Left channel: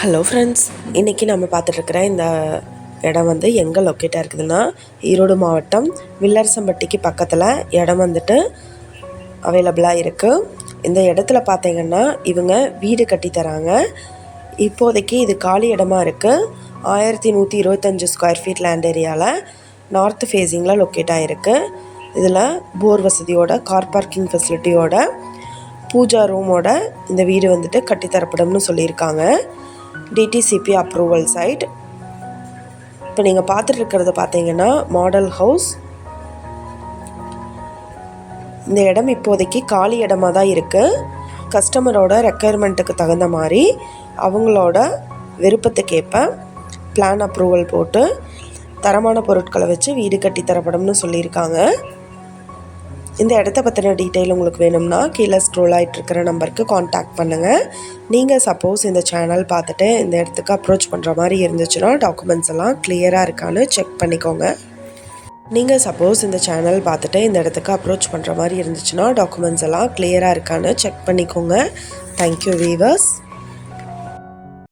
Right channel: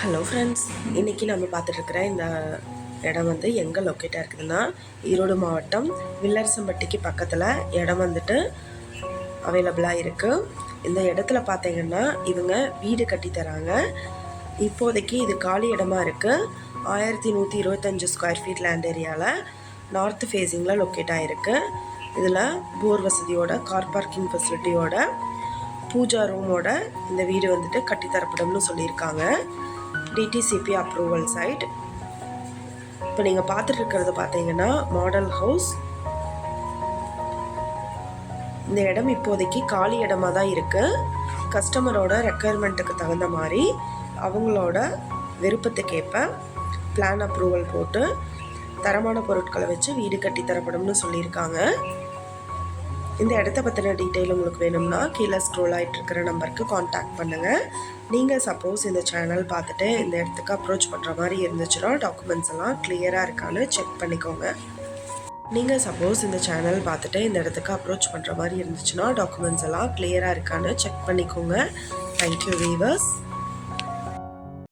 Hello friends இன்றைக்கி நம்ம பார்த்துட்ருக்குற இந்த இடம் வந்து எங்கே லொக்கேட்டாக இருக்குதுன்னா ஈரோடு மாவட்டம் வில்லரசம்பட்டிக்கு பக்கத்தில் இடம் வந்துட்டு அவைலபிளாக இருக்குது இந்த இடத்துல பார்த்தீங்கன்னா இவங்க வீடு கட்டித்தராங்க இப்போதைக்கு இது காலி இடமா இருக்குது ஆயிரத்தி நூற்றி இருபத்தஞ்சி ஸ்கொயர் ஃபீட் லேண்ட் ஏரியாவில் நார்த் ஃபேஸிங்கில் லொக்கேட் ஆகிருக்கு இதில் போர் வசதியோட கார் பார்க்கிங் ஃபெசிலிட்டியோட பூஜா ரூமோட இந்த வீடு வந்துட்டு கட்டித்தரப்படும்னு சொல்லியிருக்காங்க. டிடிசிபி அப்ரூவல் சைட் இப்போ நீங்கள் பார்த்துட்டு இருக்கிறத பார்த்தீங்கன்னா மாடல் ஹவுஸ் இந்த இடம் இப்போதைக்கு காலி இடமா தான் இருக்குது கஸ்டமரோட ரெக்குயர்மெண்ட்டுக்கு தகுந்த மாதிரி அவங்களோட விருப்பத்துக்கேற்ப பிளான் அப்ரூவல் போட்டு தரமான பொருட்களை வச்சு வீடு கட்டி தரப்படும்னு சொல்லியிருக்காங்க. இந்த இடத்த பற்றின டீட்டெயில் உங்களுக்கு வேணும்னா கீழே ஸ்க்ரோல் ஆகிட்டு இருக்கிற நம்பருக்கு காண்டாக்ட் பண்ணுங்கள் நீங்கள் சப்போஸ் இந்த சேனல் பார்த்துட்டு இந்த இடத்துக்கு அப்ரோச் பண்ணுற மாதிரி இருந்துச்சுன்னா டாக்குமெண்ட்ஸ் எல்லாம் கிளியராக இருக்கான்னு செக் பண்ணிக்கோங்க. நீங்கள் சப்போஸ் இந்த சேனல் பார்த்துட்டு இந்த இடத்துக்கு அப்ரோச் பண்ணுற மாதிரி இருந்துச்சுன்னா டாக்குமெண்ட்ஸ் எல்லாம் கிளியராக இருக்கான்னு செக் பண்ணிக்கோங்க. Thank you viewers